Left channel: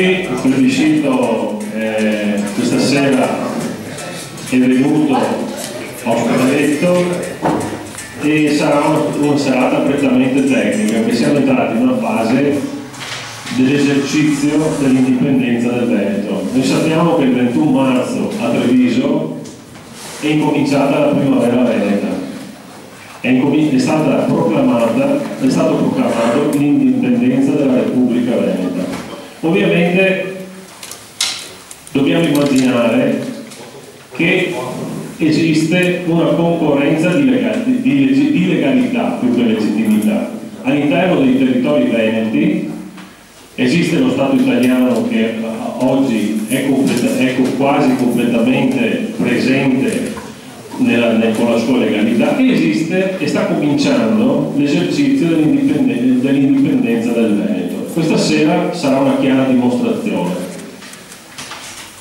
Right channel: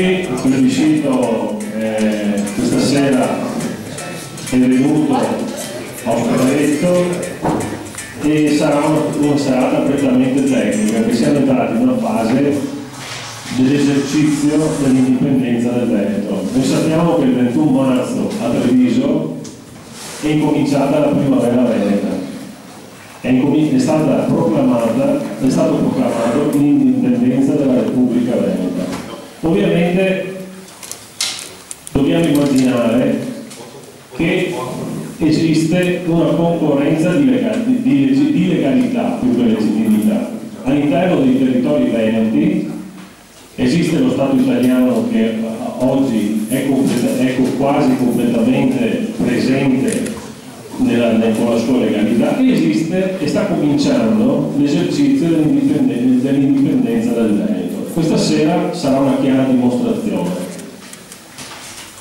tutti, il plebiscito questa sera è venuto a Oscaretto e sarà una serata prettamente tecnica, perché siamo entrati in una fase dell'esercizio dell'indipendenza del Veneto. Noi sappiamo che il 21 marzo a Treviso è incominciata la primavera veneta, è stato proclamato l'indipendenza della Repubblica Veneta. Ovviamente dobbiamo immaginare che esiste una concorrenza di legalità più che legittimità. All'interno dei territori veneti esiste lo Stato italiano che oggi è quasi completamente presente con la sua legalità, e esiste e sta cominciando l'esercizio dell'indipendenza del Veneto. Questa sera sarà una chiara dimostrazione.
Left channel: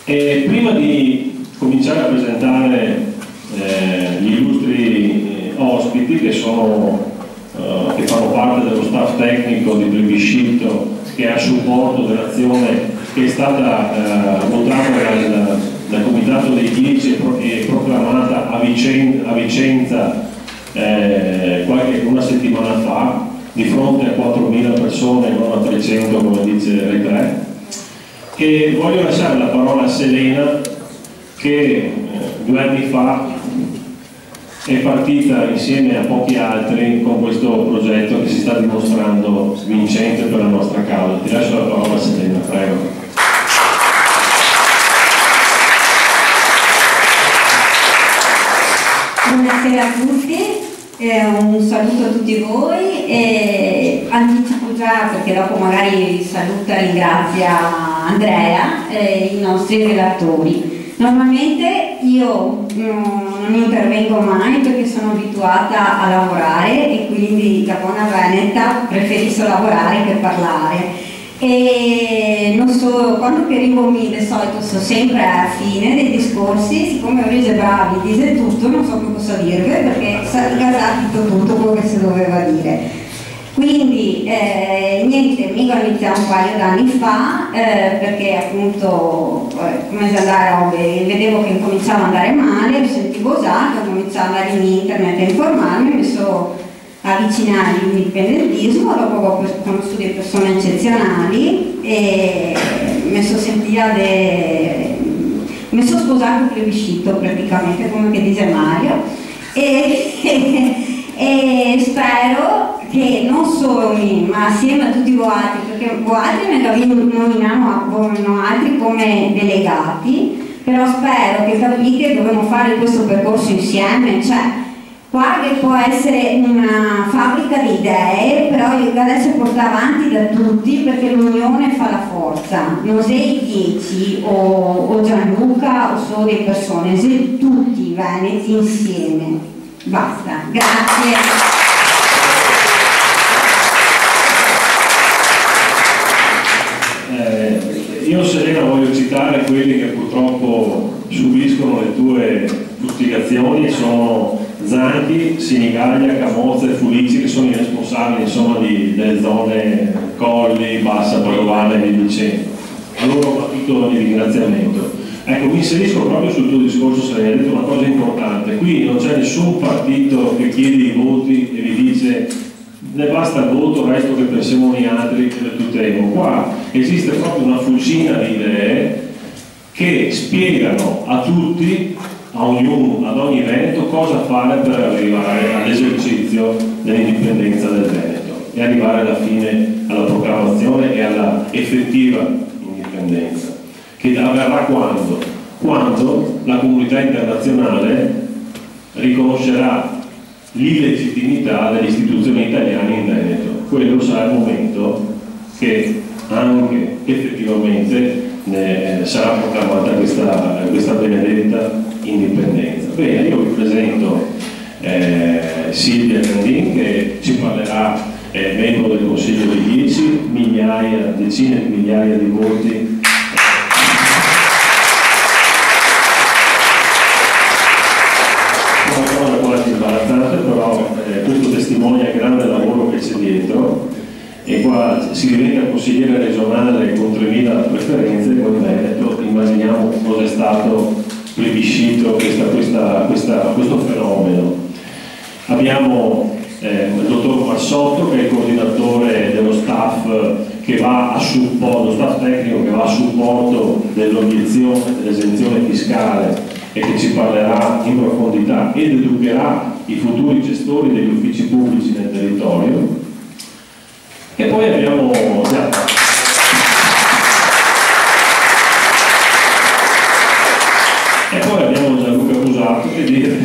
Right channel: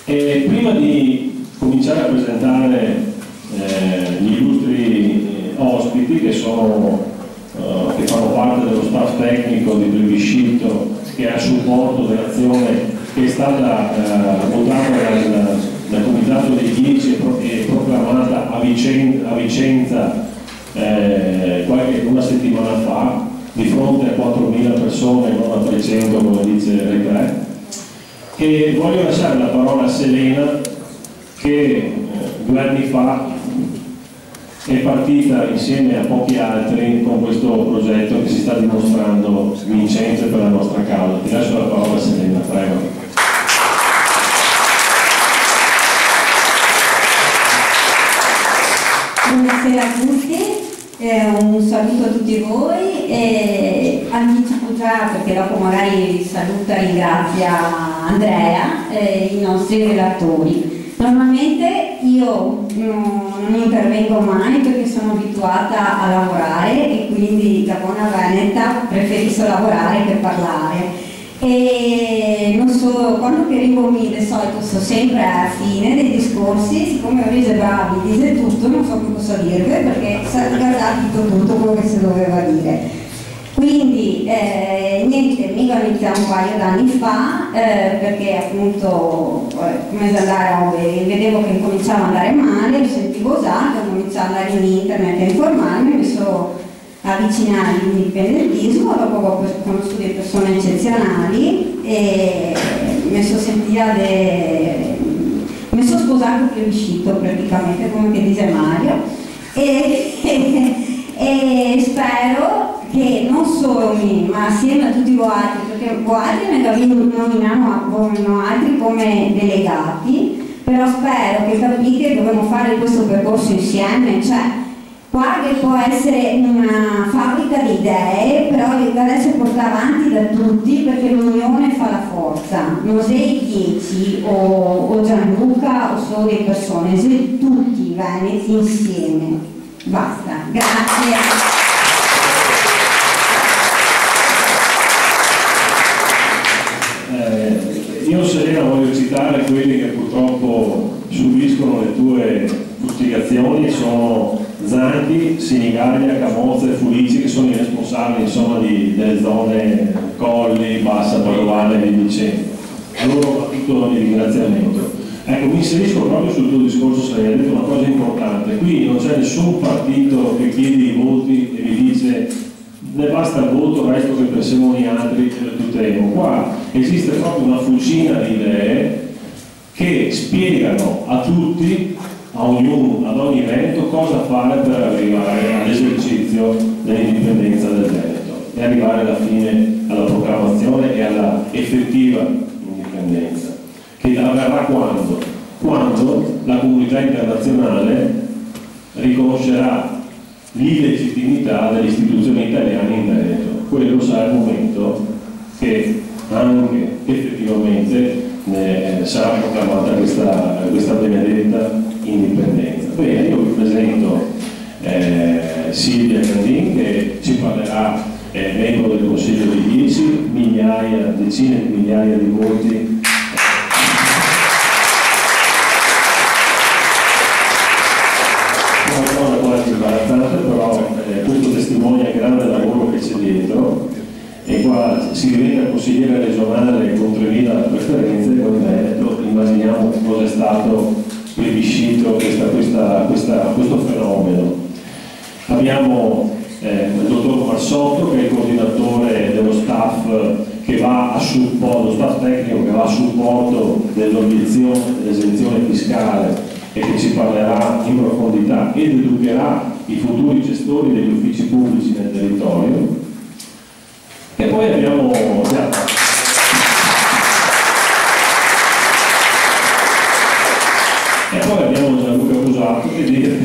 E prima di cominciare a presentare gli illustri ospiti che fanno parte dello staff tecnico di plebiscito che è a supporto dell'azione che è stata votata dal Comitato dei 10 e proclamata a Vicenza una settimana fa, di fronte a 4.000 persone, non a 300 come dice Re3, e voglio lasciare la parola a Selena, che 2 anni fa è partita insieme a pochi altri con questo progetto che si sta dimostrando vincente per la nostra causa. Ti lascio la parola a Selena, prego. Buonasera a tutti, un saluto a tutti voi e anticipo già, perché dopo magari saluta e ringrazia Andrea e i nostri relatori. Normalmente io non intervengo mai perché sono abituata a lavorare e quindi da buona veneta preferisco lavorare che parlare. E non so, quando che arrivo di solito sto sempre alla fine dei discorsi, siccome Luigi Bravi dice tutto, non so più cosa dirvi perché si è detto tutto quello che si doveva dire. Quindi niente, mi ho iniziato un paio d'anni fa perché appunto come se andare, vedevo che incominciava ad andare male, mi sentivo già, ho cominciato ad andare in internet a informarmi, mi sono avvicinare all'indipendentismo, dopo ho conosciuto delle persone eccezionali e mi sono sposato il plebiscito praticamente, come che dice Mario, e spero che non solo me, ma assieme a tutti voi altri, perché voi altri nominiamo altri come delegati, però spero che capite che dobbiamo fare questo percorso insieme, cioè qua che può essere una fabbrica di idee, però deve essere portata avanti da tutti perché l'unione fa la forza, non sei 10 o Gianluca o solo le persone, sei tutti i veneti insieme. Basta, grazie. Io Selena voglio citare quelli che purtroppo subiscono le tue fustigazioni, sono Zanchi, Sinigaglia, Camozza e Fulici, che sono i responsabili insomma delle zone Colli, Bassa, Padovana e via dicendo. A loro va tutto il ringraziamento. Ecco, mi inserisco proprio sul tuo discorso, se hai detto una cosa importante. Qui non c'è nessun partito che chiede i voti e vi dice ne basta il voto, il resto che pensiamo gli altri che le tuteliamo. Qua esiste proprio una fucina di idee che spiegano a tutti, a ognuno, ad ogni Veneto, cosa fare per arrivare all'esercizio dell'indipendenza del Veneto e arrivare alla fine alla proclamazione e alla effettiva indipendenza, che avverrà quando la comunità internazionale riconoscerà l'illegittimità delle istituzioni italiane in Veneto. Quello sarà il momento che anche effettivamente sarà proclamata questa benedetta indipendenza. Bene, io vi presento Silvia Candin, che ci parlerà, membro del Consiglio dei 10, decine di migliaia di voti. Però questo testimonia il grande lavoro che c'è dietro, e qua si diventa consigliere regionale con 3.000 preferenze, come Veneto, immaginiamo cosa è stato plebiscito questo fenomeno. Abbiamo il dottor Marsotto, che è il coordinatore dello staff che va a supporto, lo staff tecnico che va a supporto dell'obiezione dell'esenzione fiscale e che ci parlerà in profondità ed educherà i futuri gestori degli uffici pubblici nel territorio. E poi abbiamo Gianluca Busato, che dire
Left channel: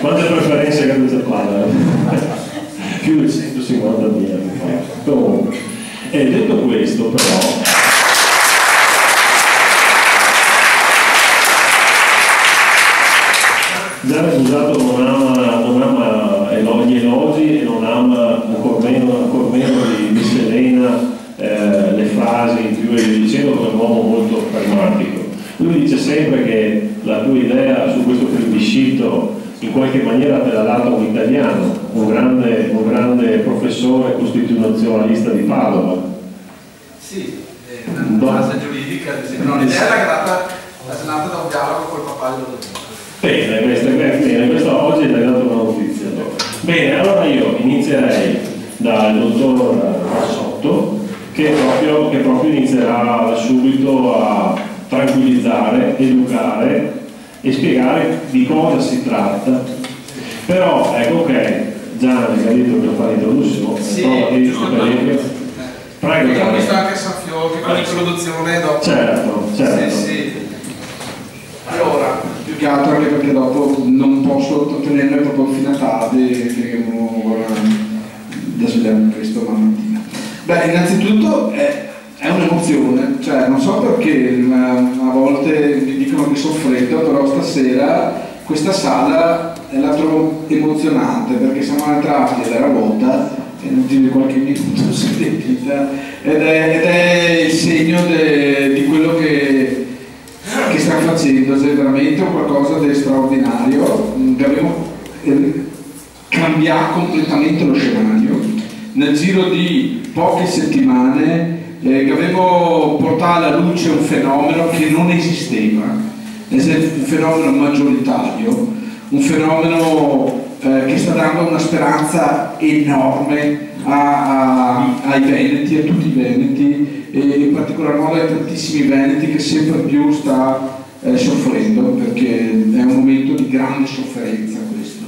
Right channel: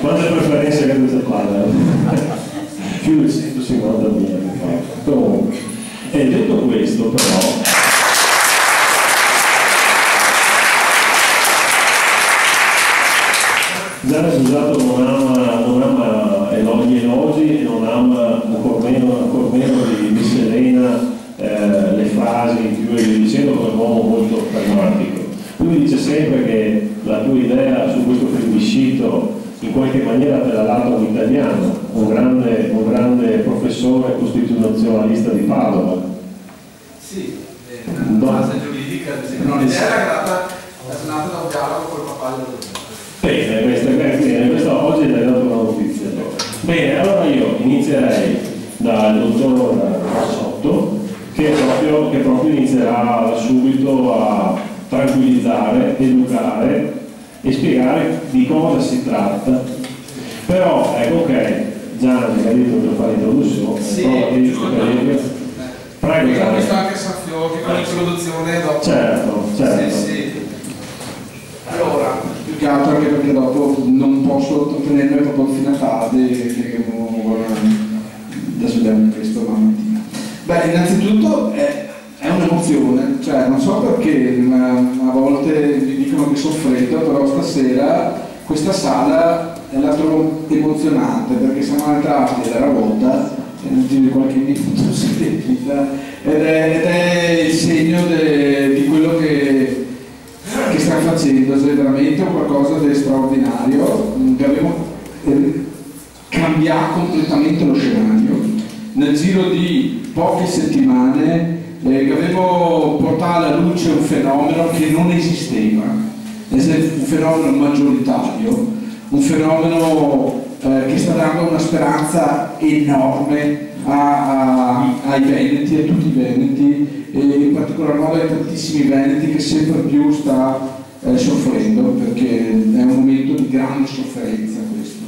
quante preferenze che questa parla? Più di 150.000. Comunque, e detto questo però, Gianluca Busato non ama gli elogi e non ama ancor meno di miscelena le frasi in più e via dicendo, come un uomo molto pragmatico. Lui dice sempre che la tua idea su questo plebiscito in qualche maniera te l'ha dato un italiano, un grande professore costituzionalista di Padova. Sì, una fase giuridica, l'idea era nata da un dialogo col papà dello Questa oggi hai dato una notizia. Bene, allora io inizierei dal dottor Marsotto, che proprio inizierà subito a tranquillizzare, educare e spiegare di cosa si tratta. Però ecco, ok, Gianni ha detto che fare l'introduzione. Sì, prego. Io ho visto anche Sanfiocchi con l'introduzione dopo. Certo. Sì. Allora, più che altro anche perché dopo non posso trattenermi proprio fino a tardi, che da svegliarmi questo la mattina. Beh, innanzitutto è un'emozione, cioè non so perché a volte mi dicono che sono freddo, però stasera questa sala la trovo emozionante perché siamo entrati ed era vuota e nel giro di qualche minuto si è riempita ed è il segno di quello che sta facendo, è veramente qualcosa di straordinario. Abbiamo cambiato completamente lo scenario nel giro di poche settimane. Abbiamo portato alla luce un fenomeno che non esisteva, un fenomeno maggioritario, un fenomeno che sta dando una speranza enorme ai veneti, a tutti i veneti, e in particolar modo ai tantissimi veneti che sempre più sta soffrendo, perché è un momento di grande sofferenza questo,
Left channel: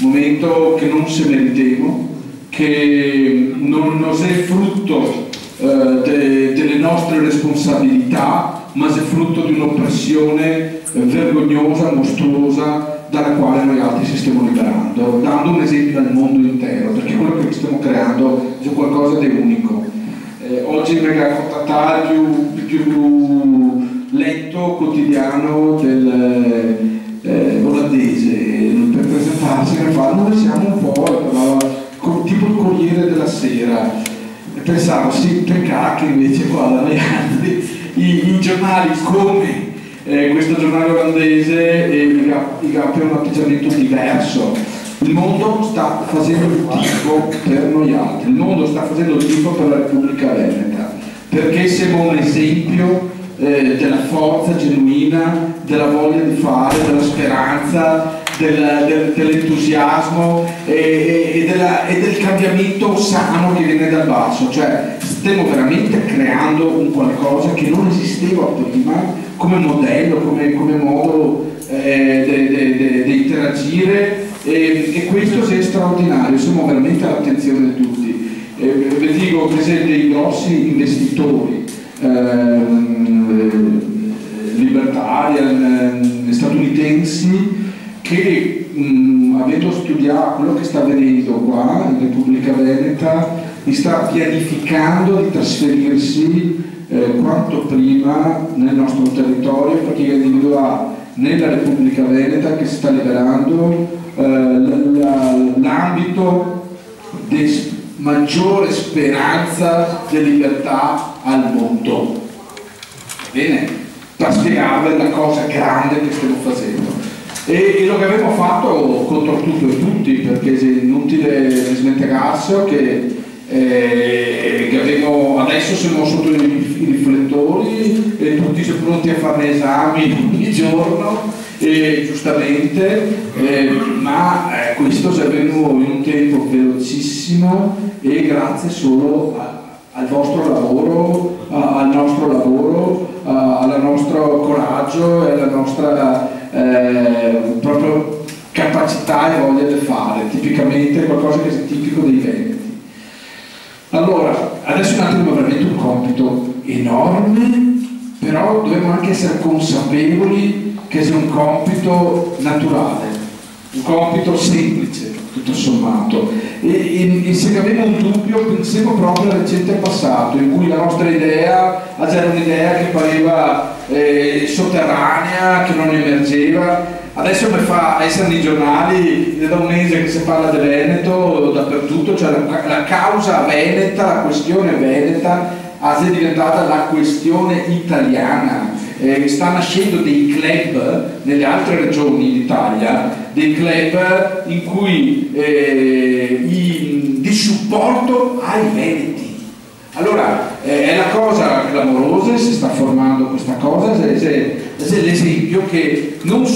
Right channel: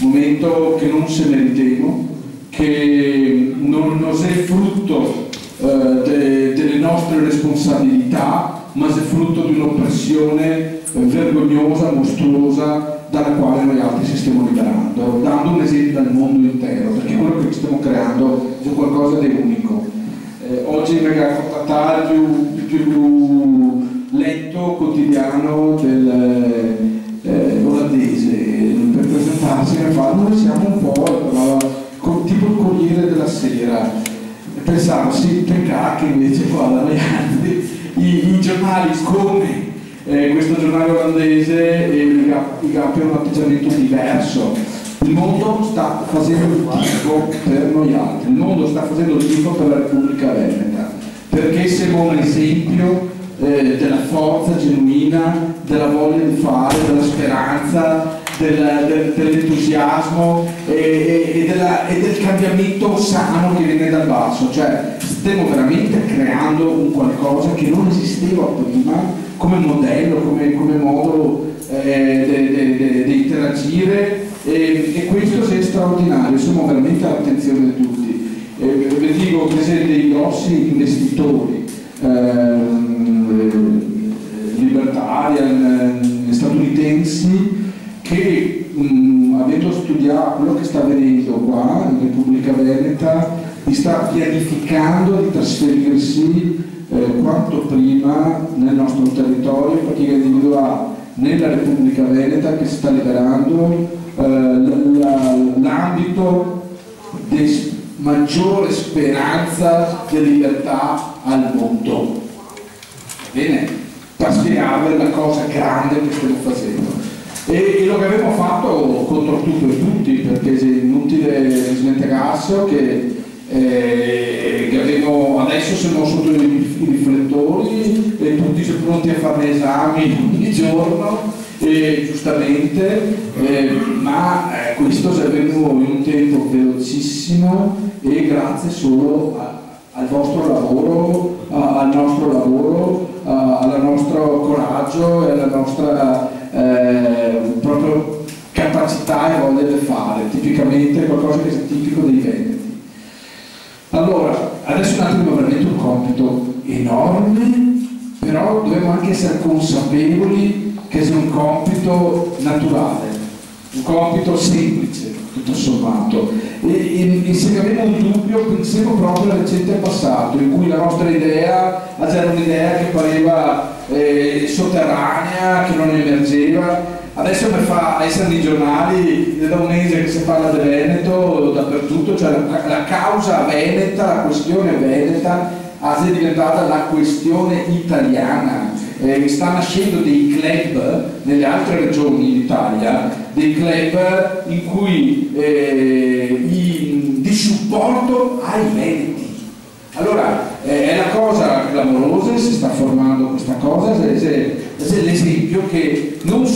un momento che non se meritemo, che non è frutto delle nostre responsabilità, ma è frutto di un'oppressione vergognosa, mostruosa, dalla quale noi altri ci stiamo liberando, dando un esempio al mondo intero, perché quello che stiamo creando è qualcosa di unico. Oggi venga a contattare il più letto quotidiano olandese per presentarsi e fa: noi siamo un po' tipo il Corriere della Sera. E pensavo, sì, peccato che invece qua da noi altri i giornali come questo giornale olandese i GAP un atteggiamento diverso. Il mondo sta facendo il tifo per noi altri, il mondo sta facendo il tifo per la Repubblica Veneta, perché siamo un esempio della forza genuina, della voglia di fare, della speranza, dell'entusiasmo e del cambiamento sano che viene dal basso. Cioè stiamo veramente creando un qualcosa che non esisteva prima come modello, come modo di interagire, e questo è straordinario. Siamo veramente all'attenzione di tutti. Vi dico per esempio dei grossi investitori libertarian statunitensi che avendo studiato quello che sta avvenendo qua in Repubblica Veneta, sta pianificando di trasferirsi quanto prima nel nostro territorio, perché individua nella Repubblica Veneta che si sta liberando l'ambito di maggiore speranza di libertà al mondo. Bene, per spiegarvi la cosa grande che stiamo facendo. E lo che abbiamo fatto contro tutto e tutti, perché è inutile smentirarsi che Adesso siamo sotto i riflettori e tutti sono pronti a fare esami ogni giorno, giustamente, ma questo si è avvenuto in un tempo velocissimo e grazie solo al vostro lavoro, al nostro lavoro, al nostro coraggio e alla nostra proprio capacità e voglia di fare, tipicamente qualcosa che è tipico dei veneti. Allora, adesso un attimo veramente un compito enorme, però dobbiamo anche essere consapevoli che sia un compito naturale, un compito semplice, tutto sommato. E se abbiamo un dubbio, pensiamo proprio al recente passato, in cui la nostra idea era un'idea che pareva sotterranea, che non emergeva. Adesso mi fa essere nei giornali, da un mese che si parla del Veneto dappertutto, cioè la causa veneta, la questione veneta è diventata la questione italiana. Sta nascendo dei club nelle altre regioni d'Italia, dei club in cui di supporto ai veneti. Allora è la cosa clamorosa, si sta formando questa cosa, è l'esempio che noi non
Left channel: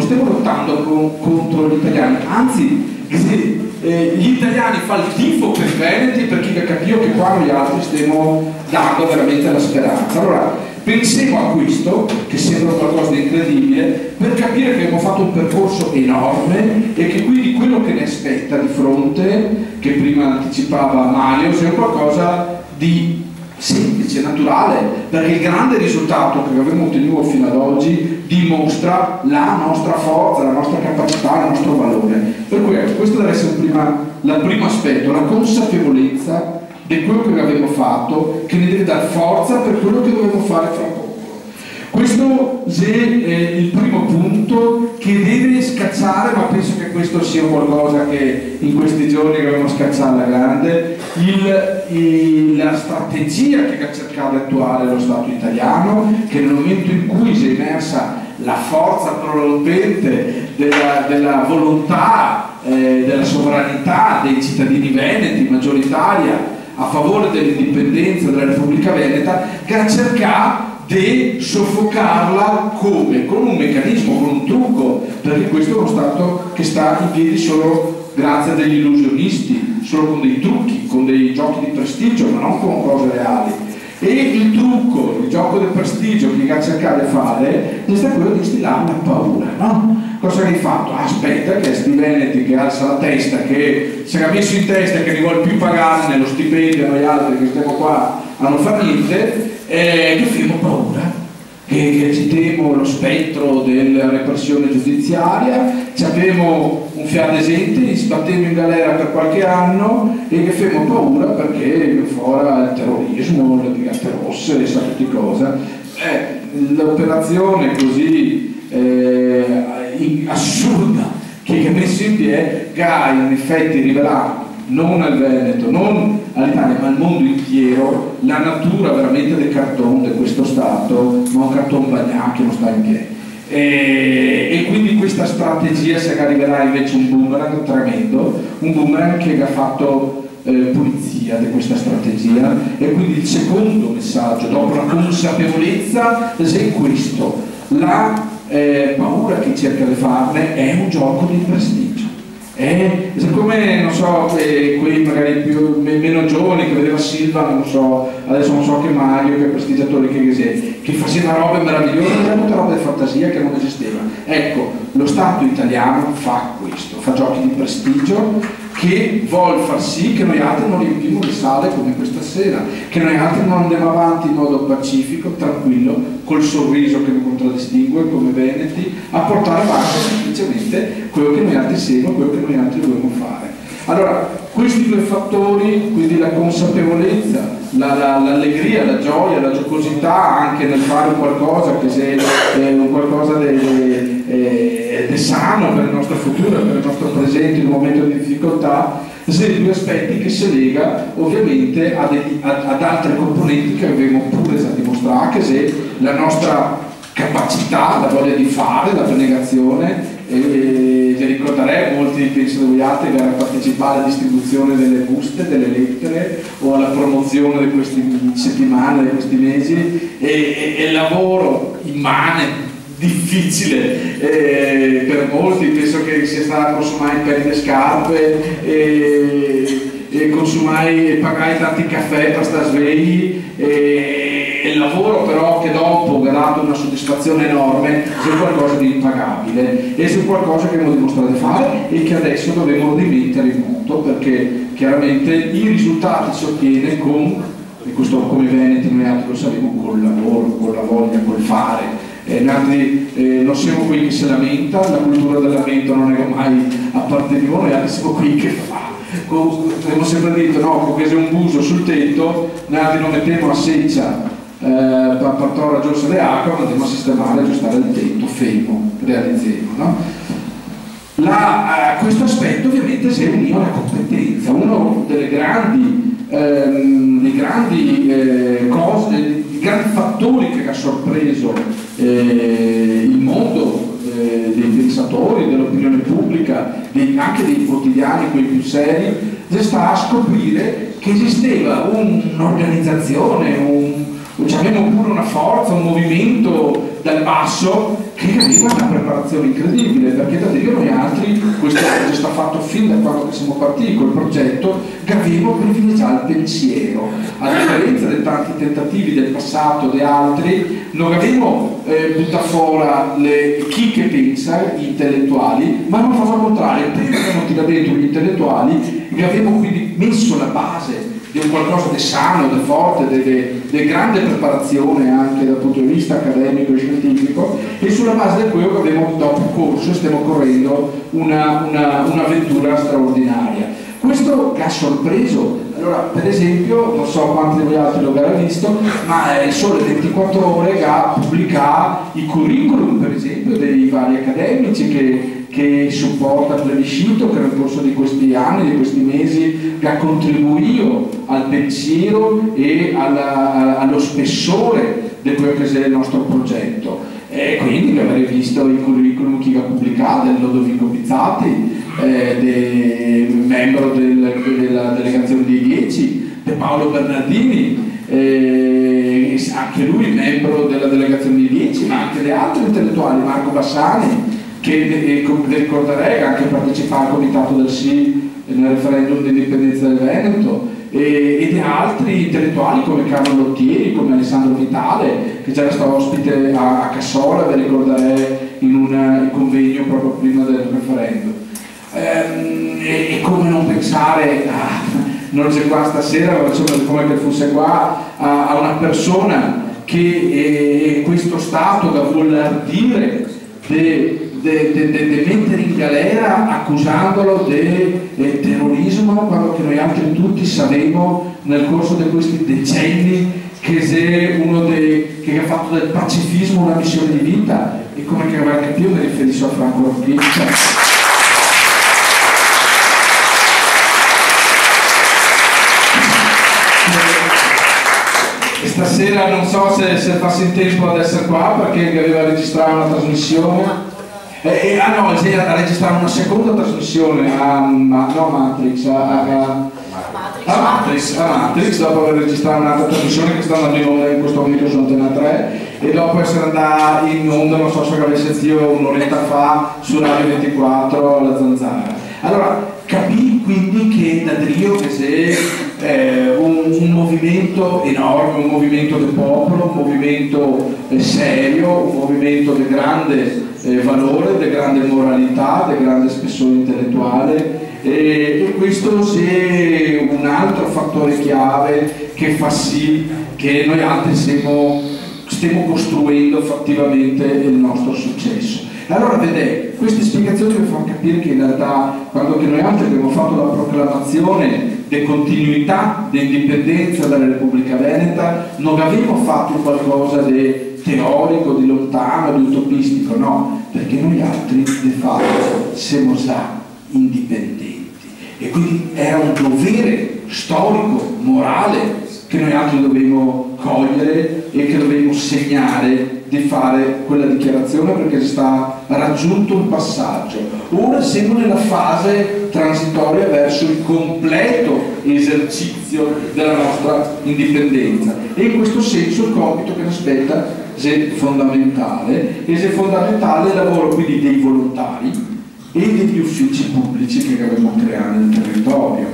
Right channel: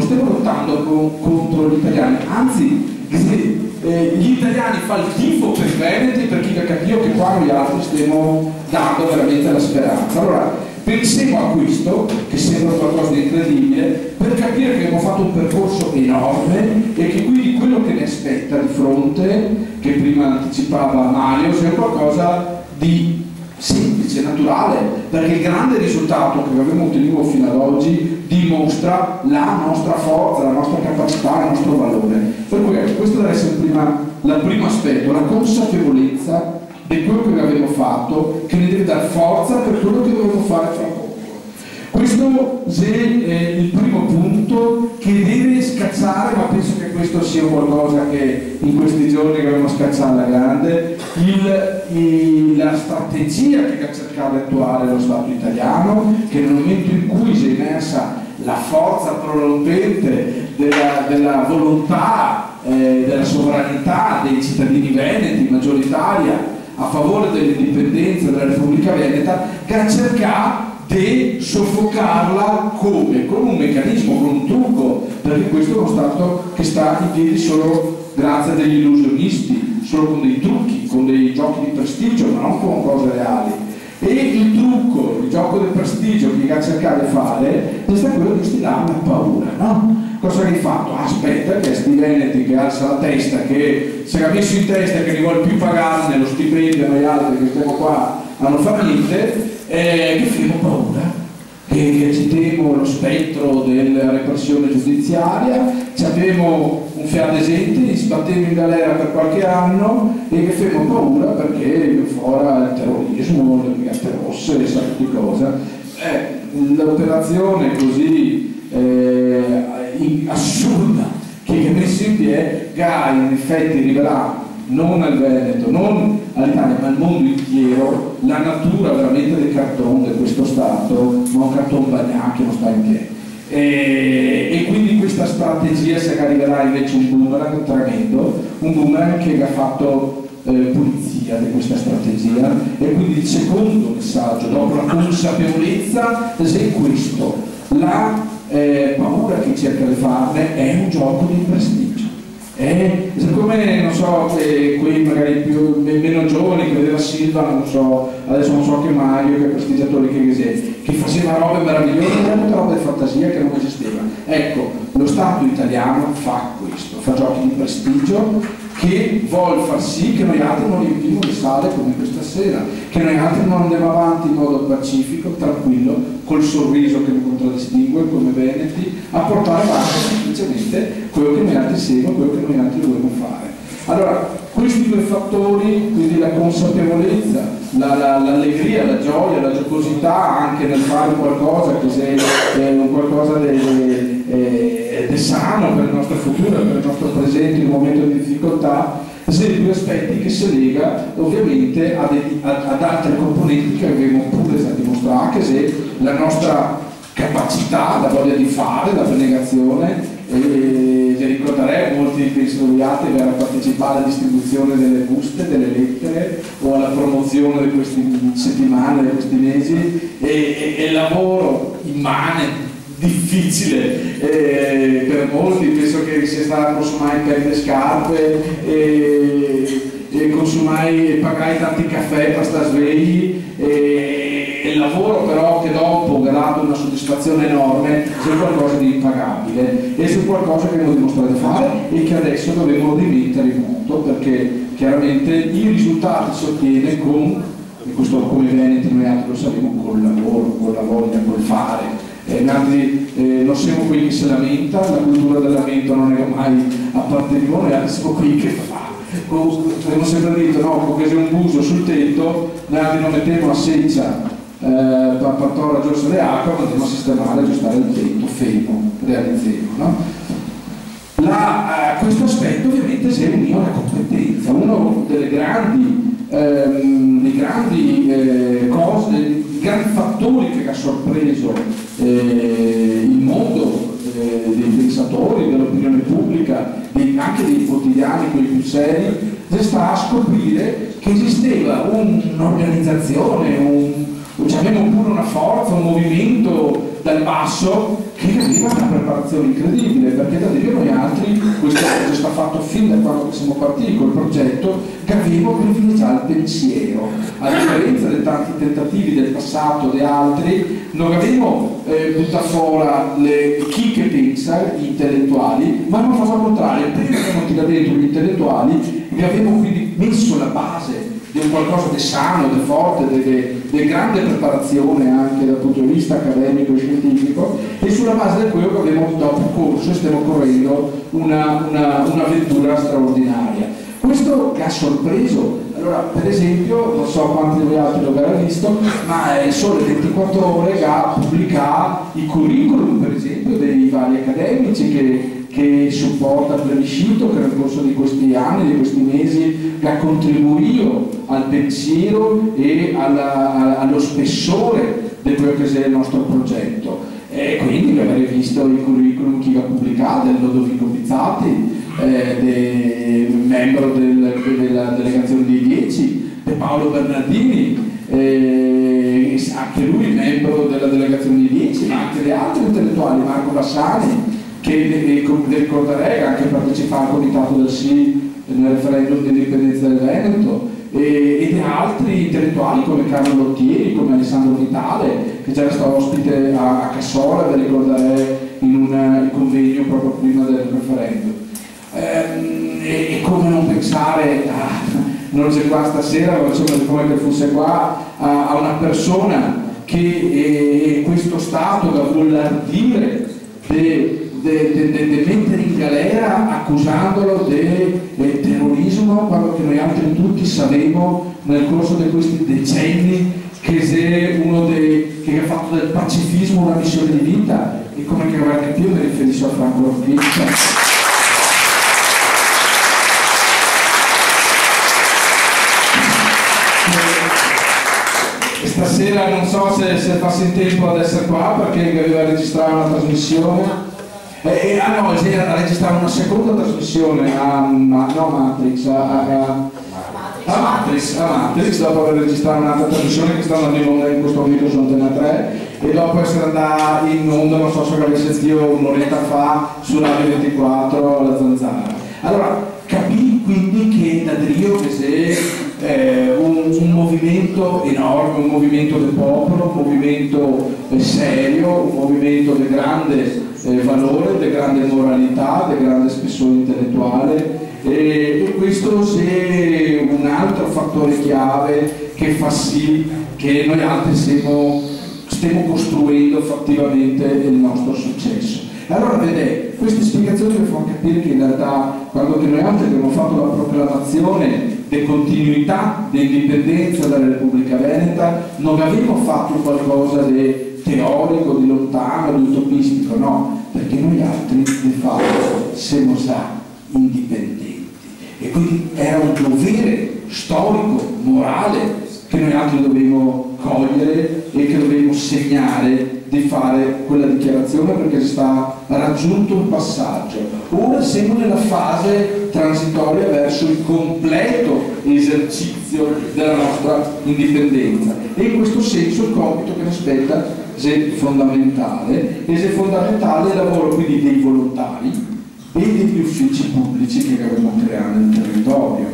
stiamo lottando contro gli italiani, anzi gli italiani fanno il tifo per i veneti, per chi ha capito che qua noi altri stiamo dando veramente la speranza. Allora pensiamo a questo, che sembra qualcosa di incredibile, per capire che abbiamo fatto un percorso enorme e che quindi quello che ne aspetta di fronte, che prima anticipava Mario, sia qualcosa di semplice, naturale, perché il grande risultato che abbiamo ottenuto fino ad oggi dimostra la nostra forza, la nostra capacità, il nostro valore. Per cui questo deve essere il primo aspetto, la consapevolezza di quello che abbiamo fatto, che ne deve dare forza per quello che dobbiamo fare fra poco. Questo è il primo punto che deve scacciare, ma penso che questo sia qualcosa che in questi giorni dobbiamo scacciare alla grande, la strategia che ha cercato di attuare lo Stato italiano, che nel momento in cui si è emersa la forza prorompente della volontà, della sovranità dei cittadini veneti, maggioritaria, a favore dell'indipendenza della Repubblica Veneta, che ha cercato di soffocarla come? Con un meccanismo, con un trucco, perché questo è uno Stato che sta in piedi solo grazie a degli illusionisti, solo con dei trucchi, con dei giochi di prestigio, ma non con cose reali. E il trucco, il gioco del prestigio che ha cercato di fare è stato quello di instillare una paura, no? Cosa hai fatto? Aspetta che sti veneti che alza la testa, che si era messo in testa che ne vuole più pagare nello stipendio a noi altri che stiamo qua a non fare niente, che abbiamo paura, che ci temo lo spettro della repressione giudiziaria, ci abbiamo un fiadesente, ci battiamo in galera per qualche anno e che abbiamo paura perché fuori il terrorismo, le brigate rosse, sa tutti cosa. L'operazione così assurda che è messa in piedi ha in effetti rivelato non al Veneto, non all'Italia, ma al mondo intero la natura veramente del cartone di questo Stato, ma un cartone bagnato che non sta in piedi. E quindi questa strategia si arriverà invece un boomerang tremendo, un boomerang che ha fatto pulizia di questa strategia. E quindi il secondo messaggio dopo la consapevolezza è questo: la paura che cerca di farne è un gioco di prestigio. Siccome non so, quelli magari meno giovani che vedeva Silva, non so, adesso non so che Mario, che prestigiatore che faceva robe meravigliose, era tutta roba di fantasia che non esisteva. Ecco, lo Stato italiano fa questo, fa giochi di prestigio che vuol far sì che noi altri non riempimo le sale come questa sera, che noi altri non andiamo avanti in modo pacifico, tranquillo, col sorriso che mi contraddistingue come veneti, a portare avanti semplicemente quello che noi altri siamo, quello che noi altri dobbiamo fare. Allora, questi due fattori, quindi la consapevolezza, l'allegria, la gioia, la giocosità anche nel fare qualcosa che sia qualcosa di sano per il nostro futuro, per il nostro presente in un momento di difficoltà, sono due aspetti che si lega ovviamente ad altre componenti che abbiamo pure già dimostrato, che è la nostra capacità, la voglia di fare, la abnegazione. Vi ricorderei, molti penso che voi altri, per partecipare alla distribuzione delle buste, delle lettere o alla promozione di queste settimane, di questi mesi, e il lavoro immane, difficile per molti. Penso che sia stata consumare pelle scarpe e consumai e pagai tanti caffè per stare svegli, e il lavoro però che dopo ha dato una soddisfazione enorme su qualcosa di impagabile e su qualcosa che abbiamo dimostrato di fare e che adesso dobbiamo rimettere in moto, perché chiaramente i risultati si ottiene con, e questo come Veneti noi altri lo sappiamo, col lavoro, con la voglia, col fare. Non siamo qui che si lamenta, la cultura del lamento non è che mai appartenuto, noi siamo qui che fa. Abbiamo sempre detto, no, che se un buso sul tetto, noi non mettiamo a seccia per portare la giusta di acqua, ma andiamo a sistemare, aggiustare il tetto, fermo, realizziamo, no? Questo aspetto ovviamente si è unito alla competenza, uno delle grandi cose, i grandi fattori che ha sorpreso il mondo dei pensatori, dell'opinione pubblica, anche dei quotidiani, quelli più seri, sta a scoprire che esisteva un'organizzazione, diciamo pure una forza, un movimento dal basso che aveva una preparazione incredibile, perché da dire noi altri, questo è stato fatto fin da quando siamo partiti col progetto, che avevo privilegiato il pensiero, a differenza dei tanti tentativi del passato di altri. Non avevo buttato fuori chi che pensa, gli intellettuali, ma non fatto al contrario, prima abbiamo tirato dentro gli intellettuali e abbiamo quindi messo la base di un qualcosa di sano, di forte, di grande preparazione anche dal punto di vista accademico e scientifico, e sulla base di quello che abbiamo dopo corso stiamo correndo un'avventura straordinaria. Questo che ha sorpreso, allora per esempio, non so quanti di voi altri lo avete visto, ma il Sole 24 Ore che ha pubblicato i curriculum per esempio dei vari accademici che supporta il plebiscito, che nel corso di questi anni, di questi mesi, che ha contribuito al pensiero e allo spessore di quello che è il nostro progetto. E quindi avrei visto i curriculum chi ha pubblicato, del Lodovico Bizzati, membro della delegazione dei 10, di Paolo Bernardini, anche lui membro della delegazione dei 10, ma anche di altri intellettuali, Marco Bassani, che ricorderei che ha anche partecipato al comitato del sì nel referendum di indipendenza del Veneto, e di altri intellettuali come Carlo Lottieri, come Alessandro Vitale, che già era stato ospite a Cassola, vi ricorderei, in un convegno proprio prima del referendum. E come non pensare non c'è qua stasera, ma insomma come che fosse qua, a una persona che questo Stato da vuol ardire di mettere in galera accusandolo di terrorismo, quello che noi altri tutti sapevamo nel corso di questi decenni che è uno che ha fatto del pacifismo una missione di vita, e come che avrà capito mi riferisco a Franco Rocchini. Stasera non so se passi in tempo ad essere qua perché aveva registrato una trasmissione. No, ha registrato una seconda trasmissione a Matrix, dopo aver registrato un'altra trasmissione che sta andando in onda in questo momento su Antena 3, e dopo essere andata in onda, non so se avesse sentito un'oretta fa, su Radio 24, La Zanzara. Allora, capì quindi che da Drio che è un movimento enorme, un movimento del popolo, un movimento serio, un movimento di grande valore, di grande moralità, di grande spessore intellettuale, e questo è un altro fattore chiave che fa sì che noi altri stiamo costruendo fattivamente il nostro successo. Allora vedete, queste spiegazioni mi fanno capire che in realtà quando noi altri abbiamo fatto la proclamazione di continuità, di indipendenza dalla Repubblica Veneta, non abbiamo fatto qualcosa di teorico, di lontano, di utopistico, no, perché noi altri di fatto siamo già indipendenti, e quindi era un dovere storico, morale, che noi altri dobbiamo cogliere e che dobbiamo segnare di fare quella dichiarazione perché si sta raggiunto un passaggio. Ora siamo nella fase transitoria verso il completo esercizio della nostra indipendenza e in questo senso il compito che ci aspetta è fondamentale è il lavoro quindi dei volontari e degli uffici pubblici che dobbiamo creare nel territorio.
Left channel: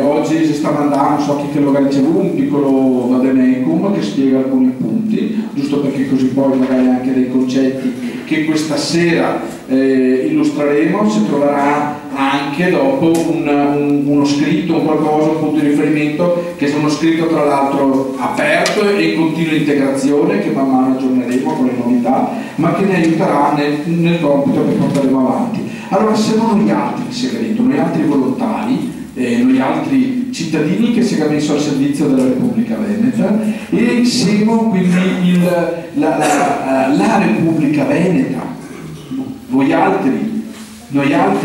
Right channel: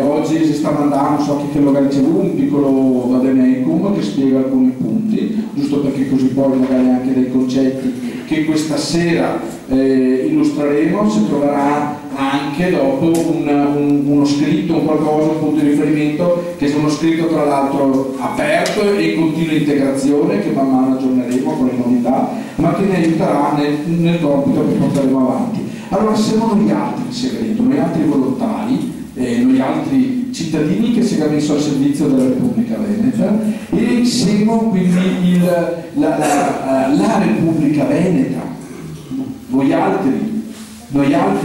Oggi si sta mandando, so chi che lo ricevuto, un piccolo vademecum che spiega alcuni punti, giusto perché così poi magari anche dei concetti che questa sera illustreremo si troverà anche dopo uno scritto, un qualcosa, un punto di riferimento che è uno scritto tra l'altro aperto e in continua integrazione che man mano aggiorneremo con le novità, ma che ne aiuterà nel compito che porteremo avanti. Allora siamo noi altri il segreto, noi altri volontari, noi altri cittadini che siamo messi al servizio della Repubblica Veneta e siamo quindi la Repubblica Veneta, voi altri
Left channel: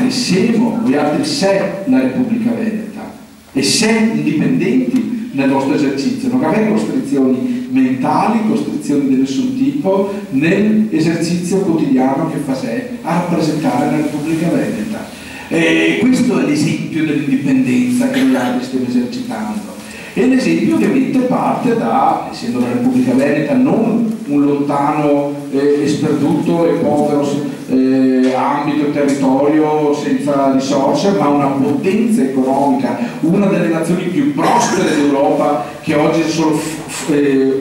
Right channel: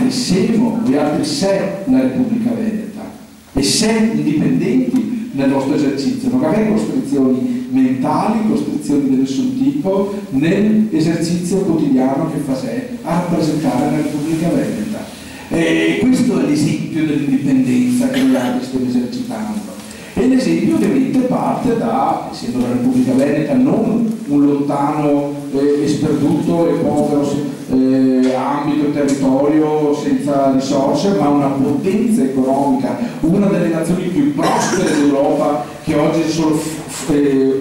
siamo la Repubblica Veneta e siamo indipendenti nel vostro esercizio, non avete costrizioni mentali, costrizioni di nessun tipo nell'esercizio quotidiano che fa sé a rappresentare la Repubblica Veneta. Questo è l'esempio dell'indipendenza che noi altri stiamo esercitando e l'esempio ovviamente parte da, essendo la Repubblica Veneta non un lontano e sperduto e povero ambito e territorio senza risorse, ma una potenza economica, una delle nazioni più prospere d'Europa che oggi è solo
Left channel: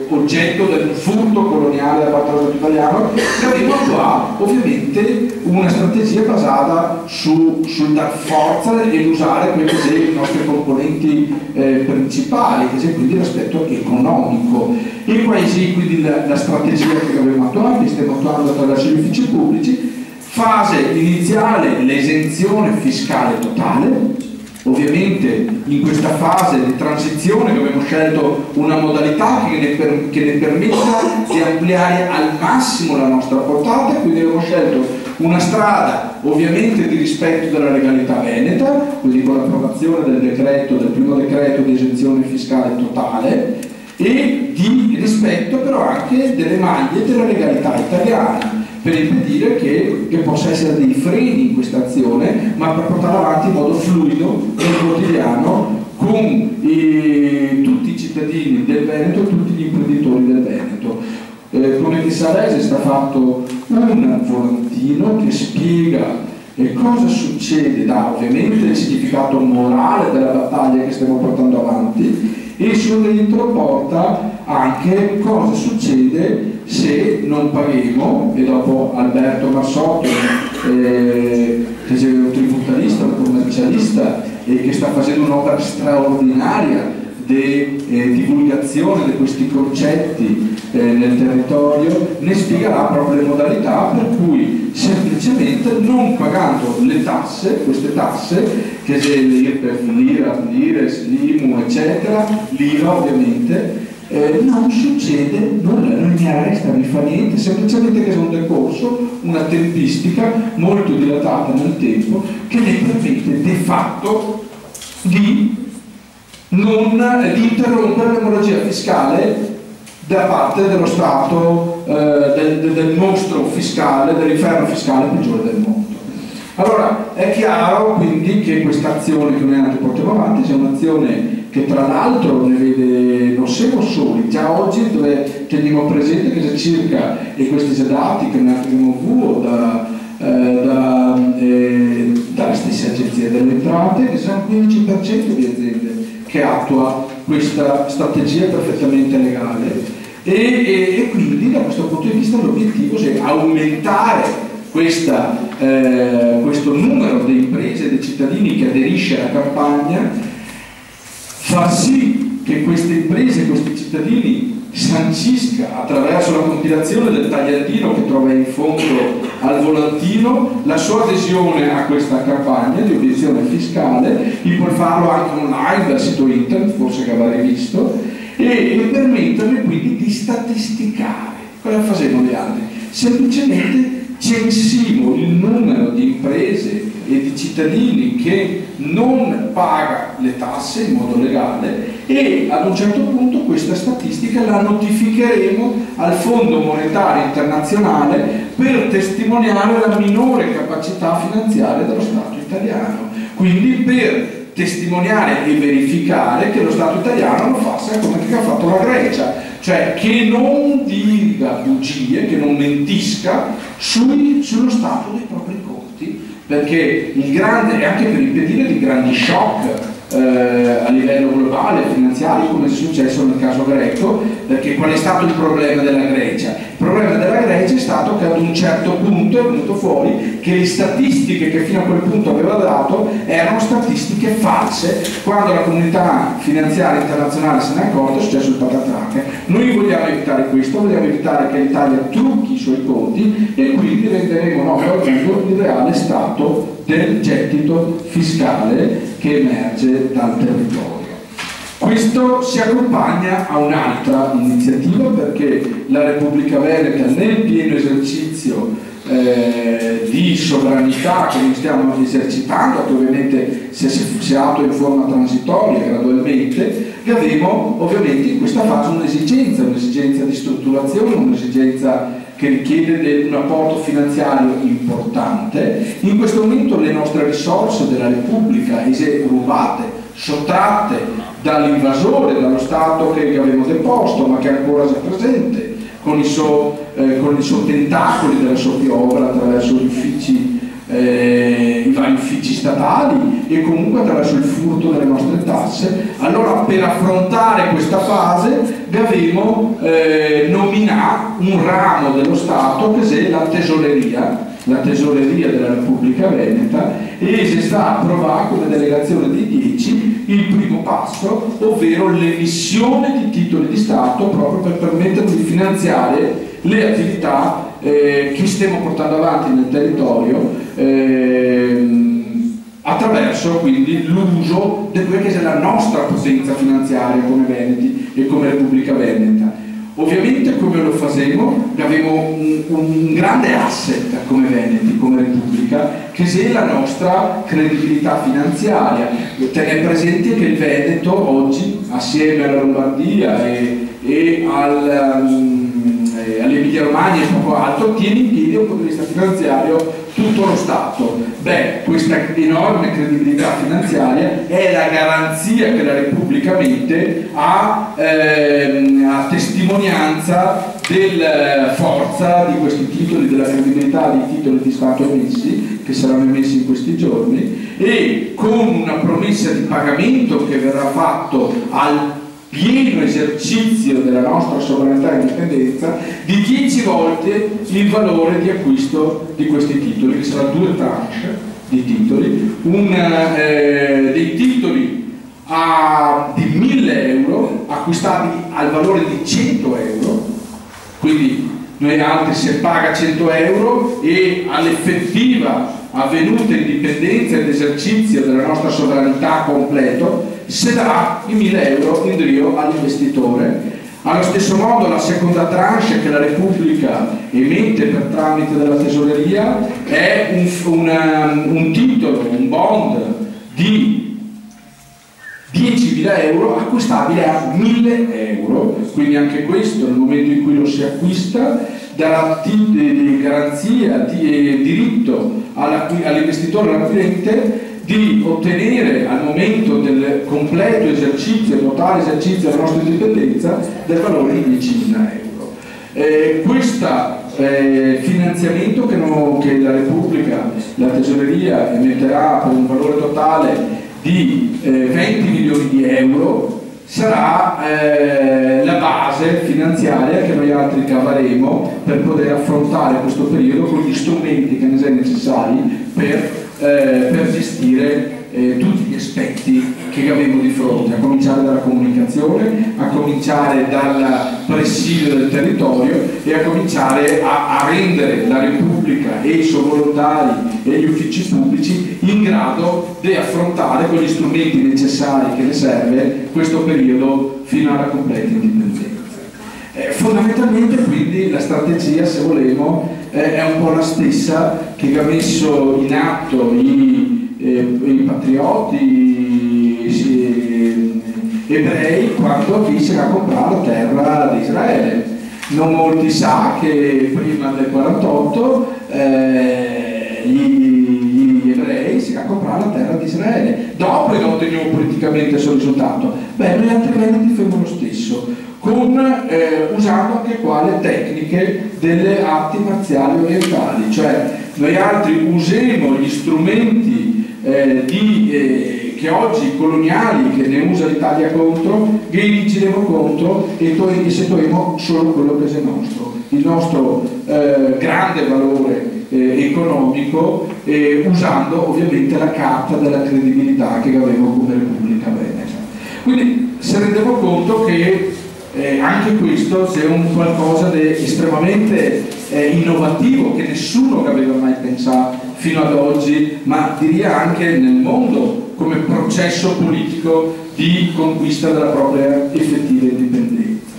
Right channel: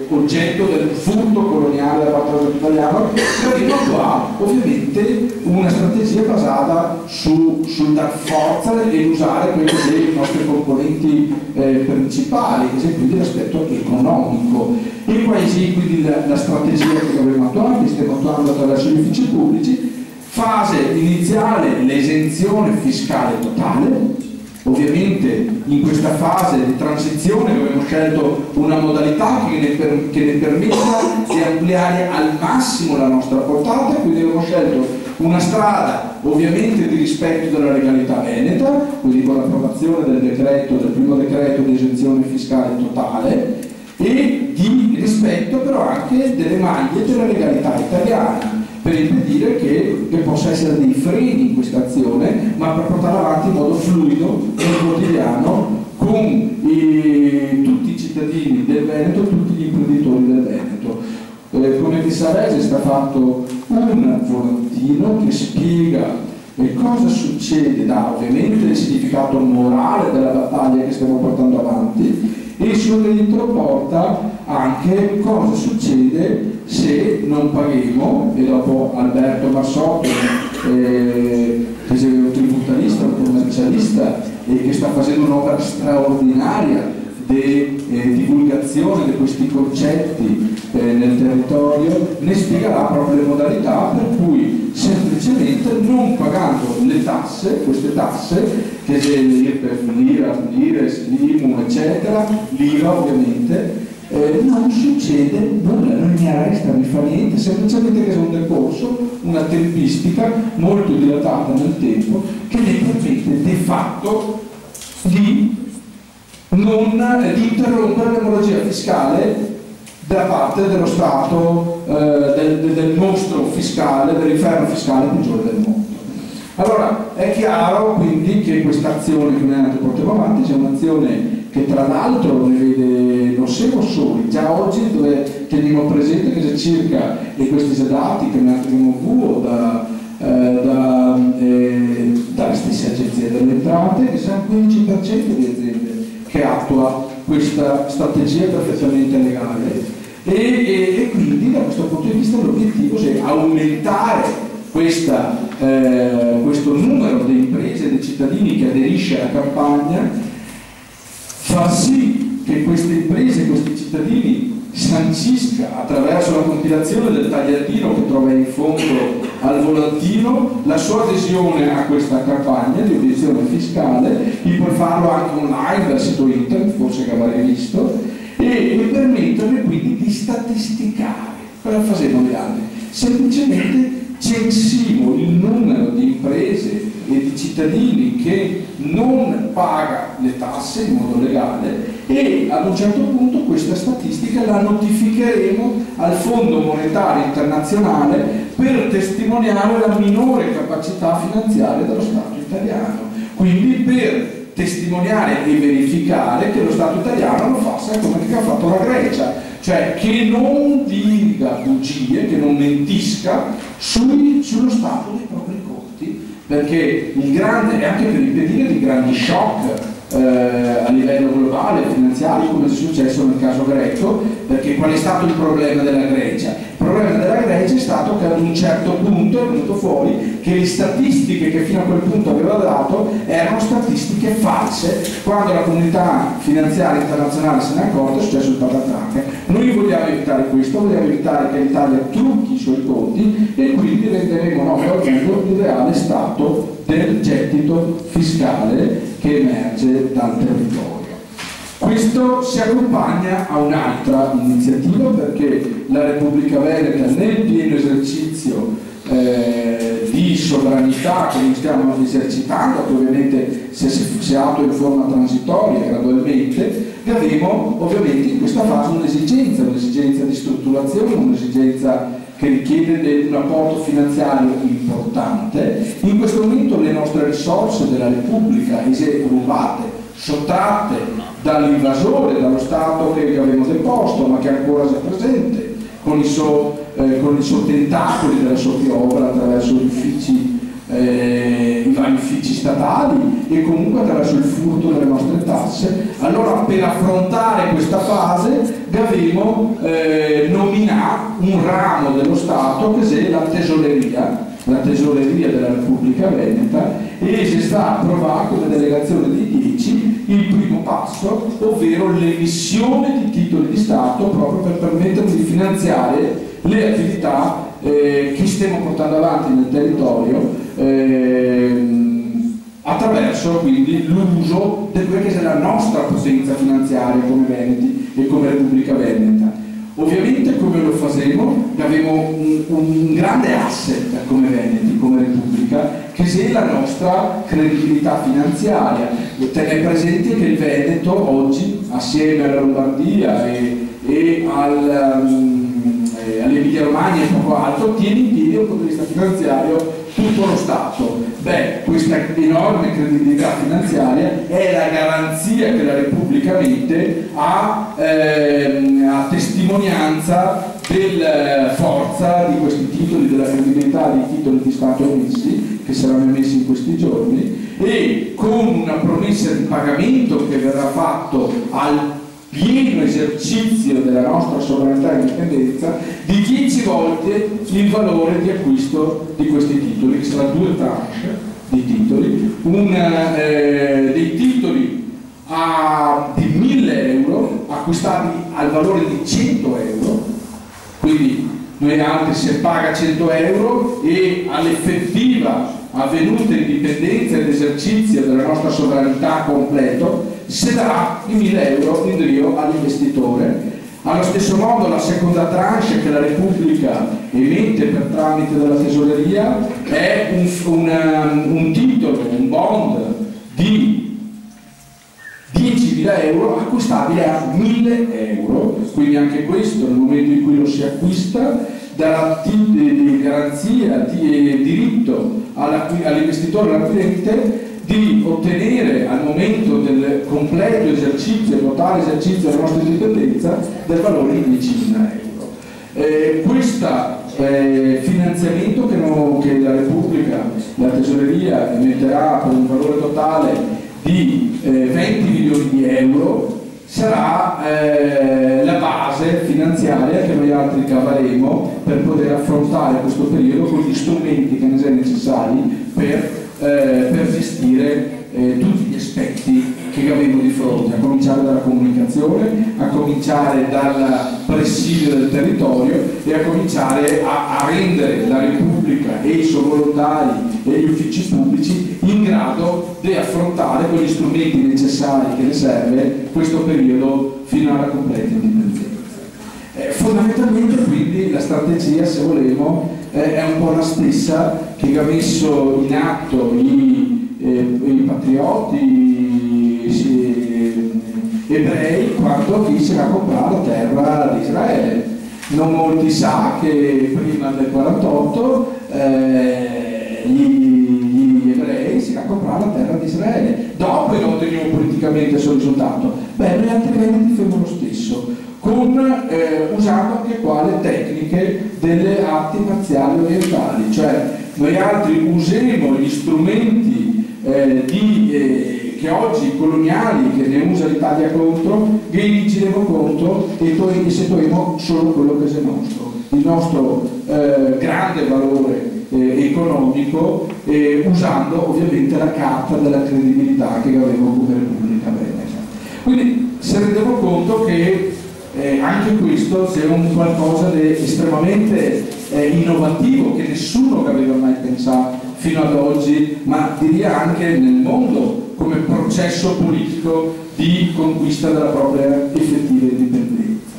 oggetto del furto coloniale da parte dello Stato italiano, che ha ovviamente una strategia basata sul dar forza e usare quelli dei nostri componenti principali, che è quindi l'aspetto economico. E quindi la strategia che abbiamo attuato, stiamo attuando attraverso gli uffici pubblici. Fase iniziale, l'esenzione fiscale totale. Ovviamente in questa fase di transizione abbiamo scelto una modalità che ne permetta di ampliare al massimo la nostra portata, quindi abbiamo scelto una strada ovviamente di rispetto della legalità veneta, quindi con l'approvazione del primo decreto di esenzione fiscale totale e di rispetto però anche delle maglie della legalità italiana, per impedire che possa essere dei freni in questa azione, ma per portarla avanti in modo fluido nel quotidiano con tutti i cittadini del Veneto e tutti gli imprenditori del Veneto. Come di Sarese è stato fatto un volantino che spiega cosa succede, dà ovviamente il significato morale della battaglia che stiamo portando avanti e sul dentro porta anche cosa succede se non paghiamo, e dopo Alberto Marsotto che è un tributarista, un commercialista e che sta facendo un'opera straordinaria di divulgazione di questi concetti nel territorio, ne spiegherà proprio le modalità per cui semplicemente non pagando le tasse, queste tasse che è l'IRPEF, l'IRES, l'IMU eccetera, l'IVA ovviamente, non succede nulla, non mi arresta, non mi fa niente, semplicemente che è un decorso, una tempistica molto dilatata nel tempo che ne permette de facto di interrompere l'emorragia fiscale da parte dello Stato, del mostro fiscale, dell'inferno fiscale peggiore del mondo. Allora è chiaro quindi che questa azione che noi portiamo avanti sia un'azione che tra l'altro ne vede, non siamo soli, già oggi dove teniamo presente che c'è circa, e questi sono dati che noi abbiamo avuto dalle stesse agenzie delle entrate, che sono il 15% di aziende che attua questa strategia perfettamente legale e quindi da questo punto di vista l'obiettivo è aumentare questo numero di imprese e di cittadini che aderisce alla campagna, far sì che queste imprese, questi cittadini sancisca attraverso la compilazione del tagliandino che trova in fondo al volantino la sua adesione a questa campagna di obiezione fiscale, puoi farlo anche online dal sito internet, forse che avrai visto, e permetterle quindi di statisticare. Cosa facevano gli altri? Semplicemente censimo il numero di imprese e di cittadini che non paga le tasse in modo legale e ad un certo punto questa statistica la notificheremo al Fondo Monetario Internazionale per testimoniare la minore capacità finanziaria dello Stato italiano, quindi per testimoniare e verificare che lo Stato italiano lo faccia come che ha fatto la Grecia, cioè che non dica bugie, che non mentisca sullo stato dei propri conti, perché il grande, e anche per impedire di grandi shock a livello globale, finanziario, come è successo nel caso greco, perché qual è stato il problema della Grecia? Il problema della Grecia è stato che ad un certo punto è venuto fuori che le statistiche che fino a quel punto aveva dato erano statistiche false. Quando la comunità finanziaria internazionale se ne è accorta è successo il patatrac. Noi vogliamo evitare questo, vogliamo evitare che l'Italia trucchi i suoi conti e quindi renderemo noto al mondo il reale stato del gettito fiscale che emerge dal territorio. Questo si accompagna a un'altra iniziativa, perché la Repubblica Veneta, nel pieno esercizio di sovranità che noi stiamo esercitando, che ovviamente si attua in forma transitoria gradualmente, avremo ovviamente in questa fase un'esigenza di strutturazione, un'esigenza che richiede un apporto finanziario importante. In questo momento le nostre risorse della Repubblica rubate, sottratte dall'invasore, dallo Stato che avevamo deposto ma che ancora si è presente con i suoi tentacoli della sua piovra attraverso gli uffici, i vari uffici statali e comunque attraverso il furto delle nostre tasse. Allora, per affrontare questa fase abbiamo nominato un ramo dello Stato che è la tesoreria della Repubblica Veneta, e si sta approvando come delegazione di 10 il primo passo, ovvero l'emissione di titoli di Stato, proprio per permettere di finanziare le attività che stiamo portando avanti nel territorio, attraverso quindi l'uso di quella che è la nostra potenza finanziaria come Veneti e come Repubblica Veneta. Ovviamente come lo faremo? Abbiamo un grande asset come Veneti, come Repubblica, che è la nostra credibilità finanziaria. Tenete presente che il Veneto oggi, assieme alla Lombardia e all'Emilia Romagna e poco altro, tiene in piedi dal punto di vista finanziario tutto lo Stato. Beh, questa enorme credibilità finanziaria è la garanzia che la Repubblica mette a testimonianza della forza di questi titoli, della credibilità dei titoli di Stato emessi, che saranno emessi in questi giorni, e con una promessa di pagamento che verrà fatto al pieno esercizio della nostra sovranità e indipendenza di 10 volte il valore di acquisto di questi titoli, che sarà 2 tranche di titoli, dei titoli di 1.000 euro acquistati al valore di 100 euro, quindi noi altri si paga 100 euro e all'effettiva avvenuta indipendenza ed esercizio della nostra sovranità completo si darà i 1.000 euro in drio all'investitore. Allo stesso modo la seconda tranche che la Repubblica emette per tramite della tesoreria è un titolo, un bond di 10.000 euro acquistabile a 1.000 euro, quindi anche questo nel momento in cui lo si acquista darà di garanzia, di diritto all'investitore, all'acquirente, di ottenere al momento del completo esercizio, totale esercizio della nostra indipendenza, del valore di 10.000 euro. Questo finanziamento che la Repubblica, la Tesoreria emetterà per un valore totale di 20 milioni di euro sarà la base finanziaria che noi altri cavaremo per poter affrontare questo periodo con gli strumenti che ne sono necessari per gestire tutti gli aspetti che abbiamo di fronte, a cominciare dalla comunicazione, a cominciare dal presidio del territorio e a cominciare a rendere la Repubblica e i suoi volontari e gli uffici pubblici in grado di affrontare con gli strumenti necessari che le serve questo periodo fino alla completa indipendenza. Fondamentalmente quindi la strategia, se volevo, è un po' la stessa che ha messo in atto i patrioti, ebrei quando fecero a comprare la terra di Israele. Non molti sa che prima del 48 gli ebrei si a comprare la terra di Israele. Dopo non otteniamo politicamente il suo risultato. Beh, noi altri veneti facciamo lo stesso, usando anche qua le tecniche delle arti marziali orientali, cioè noi altri usiamo gli strumenti che oggi coloniali che ne usa l'Italia contro, che inizieremo contro e seguiremo solo quello che è nostro, il nostro grande valore economico, usando ovviamente la carta della credibilità che avevo come Repubblica Veneta. Quindi se rendiamo conto che anche questo è un qualcosa di estremamente innovativo che nessuno aveva mai pensato fino ad oggi, ma direi anche nel mondo come processo politico di conquista della propria effettiva indipendenza.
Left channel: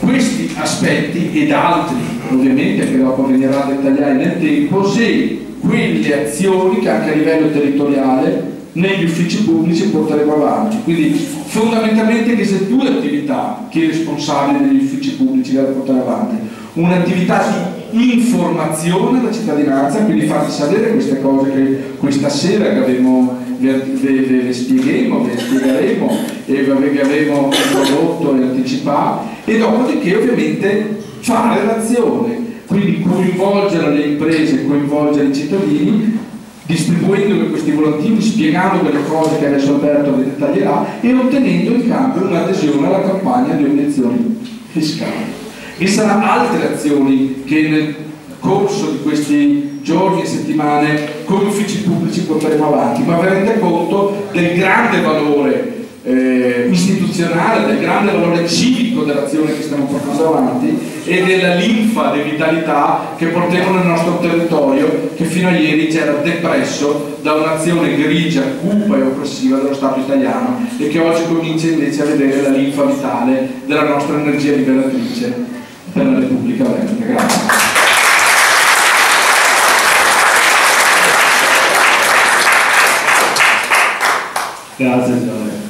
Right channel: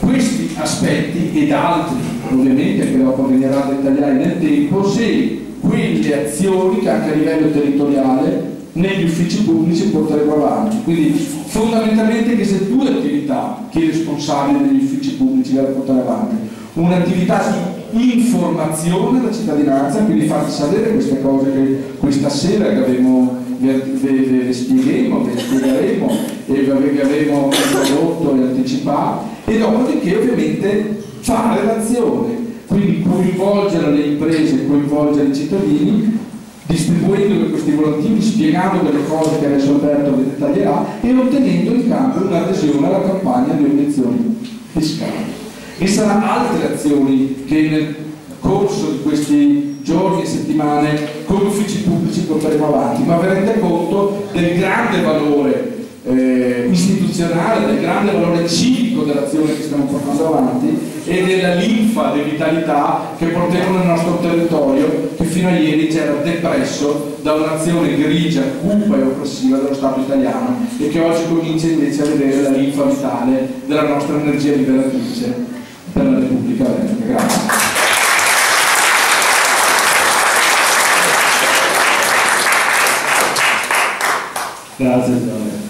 Questi aspetti ed altri ovviamente che dopo venirà a dettagliare nel tempo, se quelle azioni che anche a livello territoriale negli uffici pubblici porteremo avanti. Quindi fondamentalmente queste due attività che i responsabili degli uffici pubblici devono portare avanti: un'attività di informazione alla cittadinanza, quindi farti sapere queste cose che questa sera che ve spiegheremo e che avremo introdotto e anticipato, e dopodiché ovviamente fare l'azione, quindi coinvolgere le imprese, coinvolgere i cittadini, distribuendo questi volantini, spiegando quelle cose che adesso Alberto vi dettaglierà e ottenendo in cambio un'adesione alla campagna di obiezioni fiscali. E saranno altre azioni che nel corso di questi giorni e settimane come uffici pubblici porteremo avanti, ma vi rendete conto del grande valore istituzionale, del grande valore civico dell'azione che stiamo portando avanti e della linfa di vitalità che portiamo nel nostro territorio, che fino a ieri c'era depresso da un'azione grigia, cupa e oppressiva dello Stato italiano, e che oggi comincia invece a vedere la linfa vitale della nostra energia liberatrice per la Repubblica Veneta. Grazie. Grazie.